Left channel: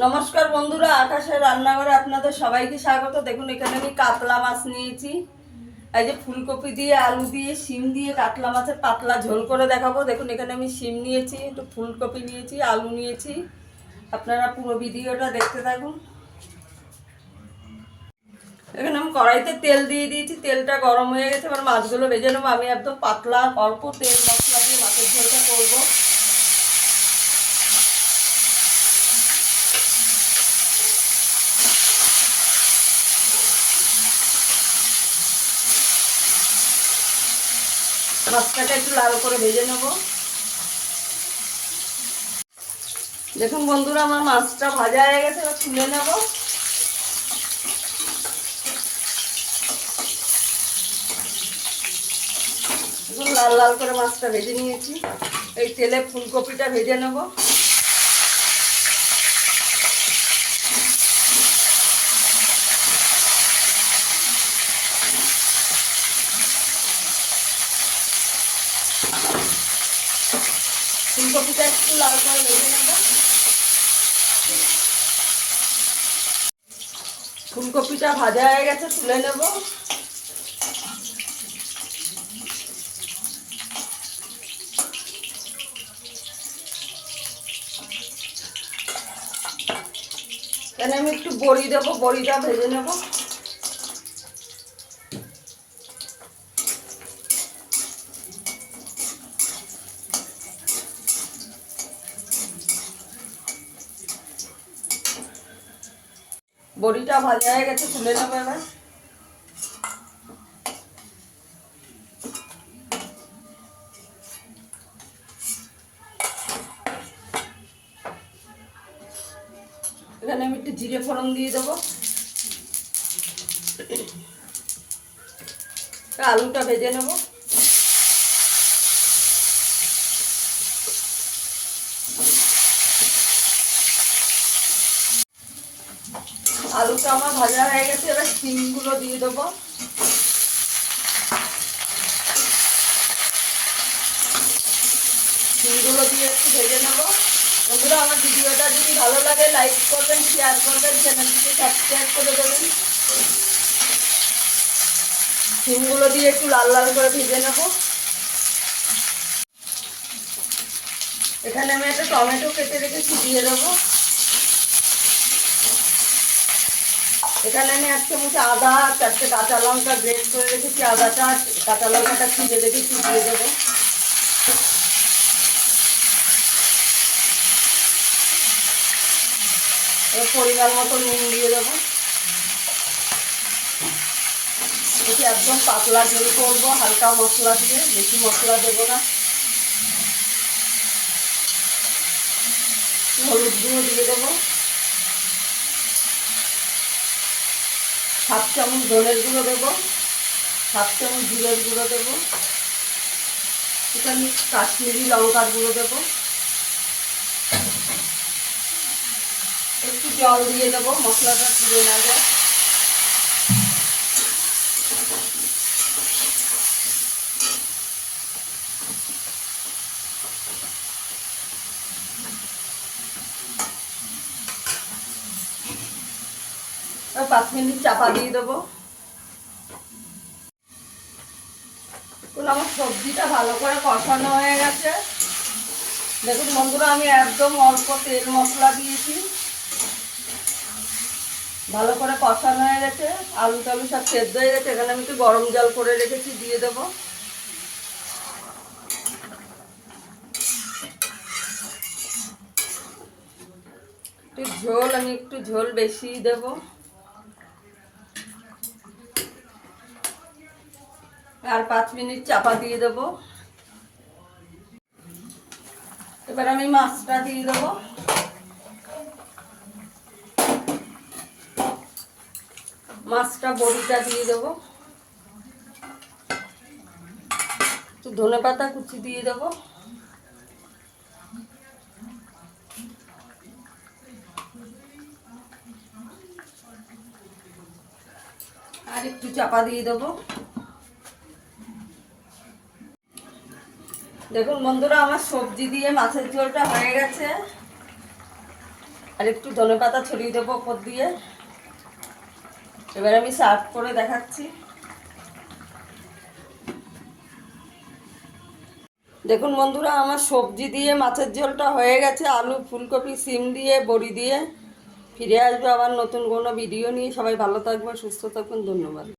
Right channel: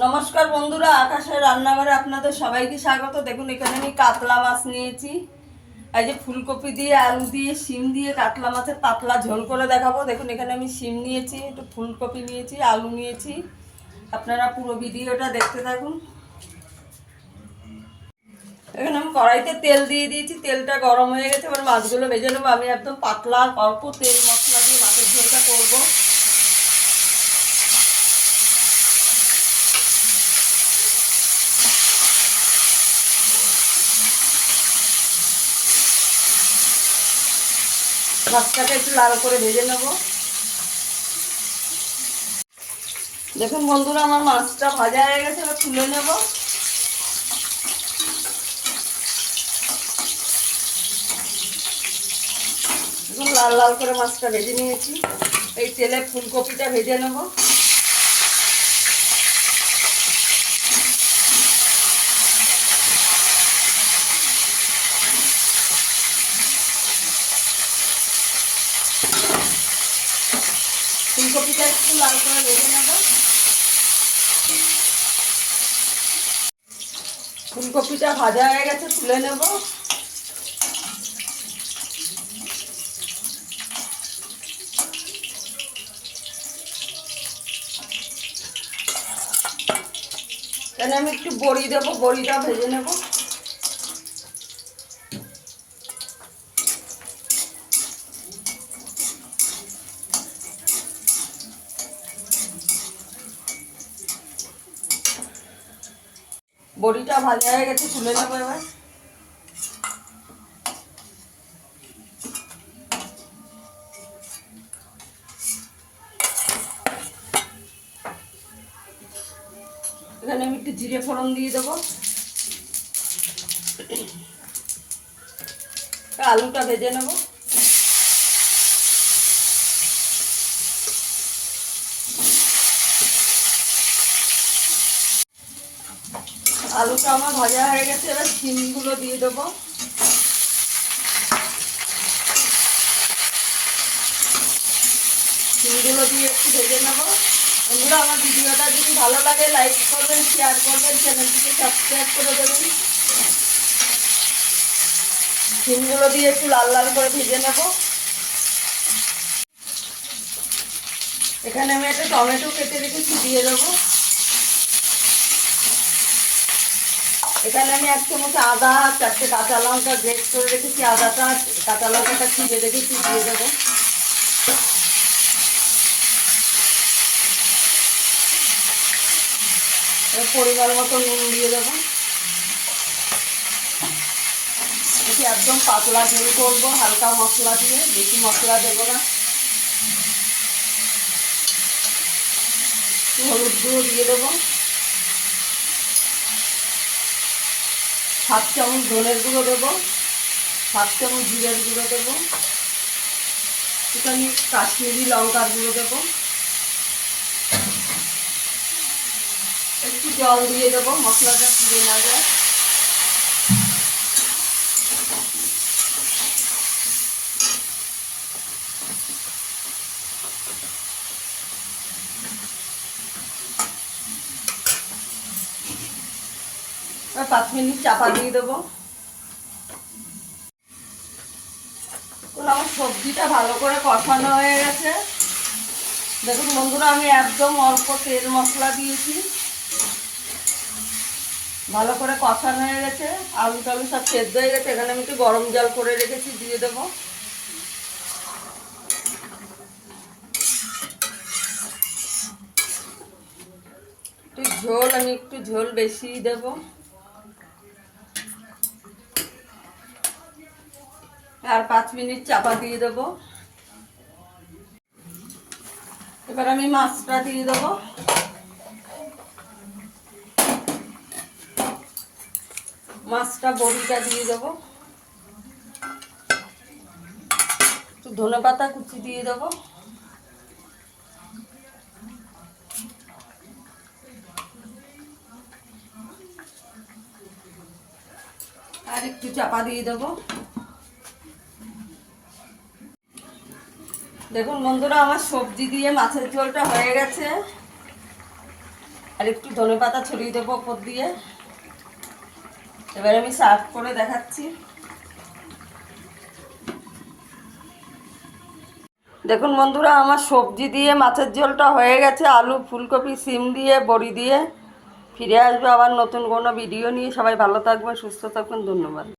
নমস্কার বন্ধুরা, আকাশের রান্নাঘরে আপনাদের সবাইকে স্বাগত। দেখুন এখানে আমি কাতলা মাছ নিয়েছি। এই যে ফুলকপি দিয়ে, আলু দিয়ে, শিম দিয়ে কাতলা মাছের পাতলা ঝোল করে দেখাবো। দেখুন এখানে আমি শিম নিয়েছি, একটু ফুলকপি নিয়েছি, আলু নিয়েছি। আপনারা পুরো ভিডিওটা দেখতে থাকুন। এখানে আমি কড়াইতে তেল দিয়ে দিয়েছি, তেলটা গরম হয়ে গেছে। এবার মাছগুলো ভেজে নেবো। আমি একদম পাতলা অল্প তেল মশলা দিয়ে মাছের ঝোলটা করবো। মাছটাকে একটু লাল করে ভেজে নেব। দেখুন বন্ধুরা, আমার মাছটা ভাজা হয়ে গেছে, এবার তুলে নেব। দেখুন লাল লাল করে মাছটা ভেজে নিয়েছি। এই তেলে ফুলকপিটা ভেজে নেব। ফুলকপিটা একটু লাল করে ভেজে নেব। ফুলকপিটা ভাজা হয়ে গেছে, তুলে নেব। এখানে আমি একটু বড়ি দেবো, বড়িটা ভেজে নেব। বড়িটা ভাজা হয়ে গেছে, তুলে নেবো এবার। এখানে আমি একটু জিরে ফোড়ন দিয়ে দেবো। আলুটা ভেজে নেব। আলুটা আমার ভাজা হয়ে গেছে, এবার শিমগুলো দিয়ে দেবো। শিমগুলো দিয়ে একটু ভেজে নেব। বন্ধুরা, আমার ভিডিওটা যদি ভালো লাগে লাইক করবেন, শেয়ার করবেন, চ্যানেলটিকে সাবস্ক্রাইব করে দেবেন। শিমগুলো দিয়ে একটু লাল লাল করে ভেজে নেব। এখানে আমি একটা টমেটো কেটে রেখেছি, দিয়ে দেবো। এখানে আমি 1 চামচ আদা, 4টে কাঁচা লঙ্কা গ্রেট করে রেখেছি। আদাটা, কাঁচা লঙ্কাটা ছিঁড়ে রেখেছি, দিয়ে দেবো। পরিমাণ মতো নুন দিয়ে দেবো। এটি একদম পাতলা ঝোল করবো, হালকা মশলা দিয়ে, বেশি মশলা দেবো না। হলুদ গুঁড়ো দিয়ে দেবো। 7 চামচ ধনের গুঁড়ো দেবো। 7 চামচ জিরের গুঁড়ো দেবো। এখানে কাশ্মীরি লঙ্কার গুঁড়ো দেবো। একটু জল দিয়ে দেবো, মশলাটা পুড়ে না যায়। আর 5 মিনিট চাপা দিয়ে দেবো। আমার সবজিটা ভালো করে কষানো হয়ে গেছে। দেখুন বন্ধুরা, আমি একদম অল্প তেল মশলা দিয়েছি। ভালো করে কষানো হয়ে গেছে, আলু টালু সব সেদ্ধ হয়ে গেছে। এখানে আমি একটু গরম জল করে রেখেছি, দিয়ে দেবো। একটু ঝোল, আমি একটু ঝোল বেশি দেবো। আর 5 মিনিট চাপা দিয়ে দেবো। এবার আমি মাছটা দিয়ে দেবো। মাছটা, বড়িটা দিয়ে দেবো। একটু ধনেপাতা কুচি দিয়ে দেবো। আর একটু চাপা দিয়ে দেবো। দেখুন বন্ধুরা, আমার সবজি দিয়ে মাছের ঝোলটা হয়ে গেছে। আর একটু ধনেপাতা ছড়িয়ে দেবো ওপর দিয়ে। এবার আমি সার্ভ করে দেখাচ্ছি। দেখুন বন্ধুরা, আমার সবজি দিয়ে মাছের ঝোলটা হয়ে গেছে, আলু, ফুলকপি, সিম দিয়ে, বড়ি দিয়ে। ফিরে আসবো আবার নতুন কোনো ভিডিও নিয়ে। সবাই ভালো থাকবেন, সুস্থ থাকবেন, ধন্যবাদ।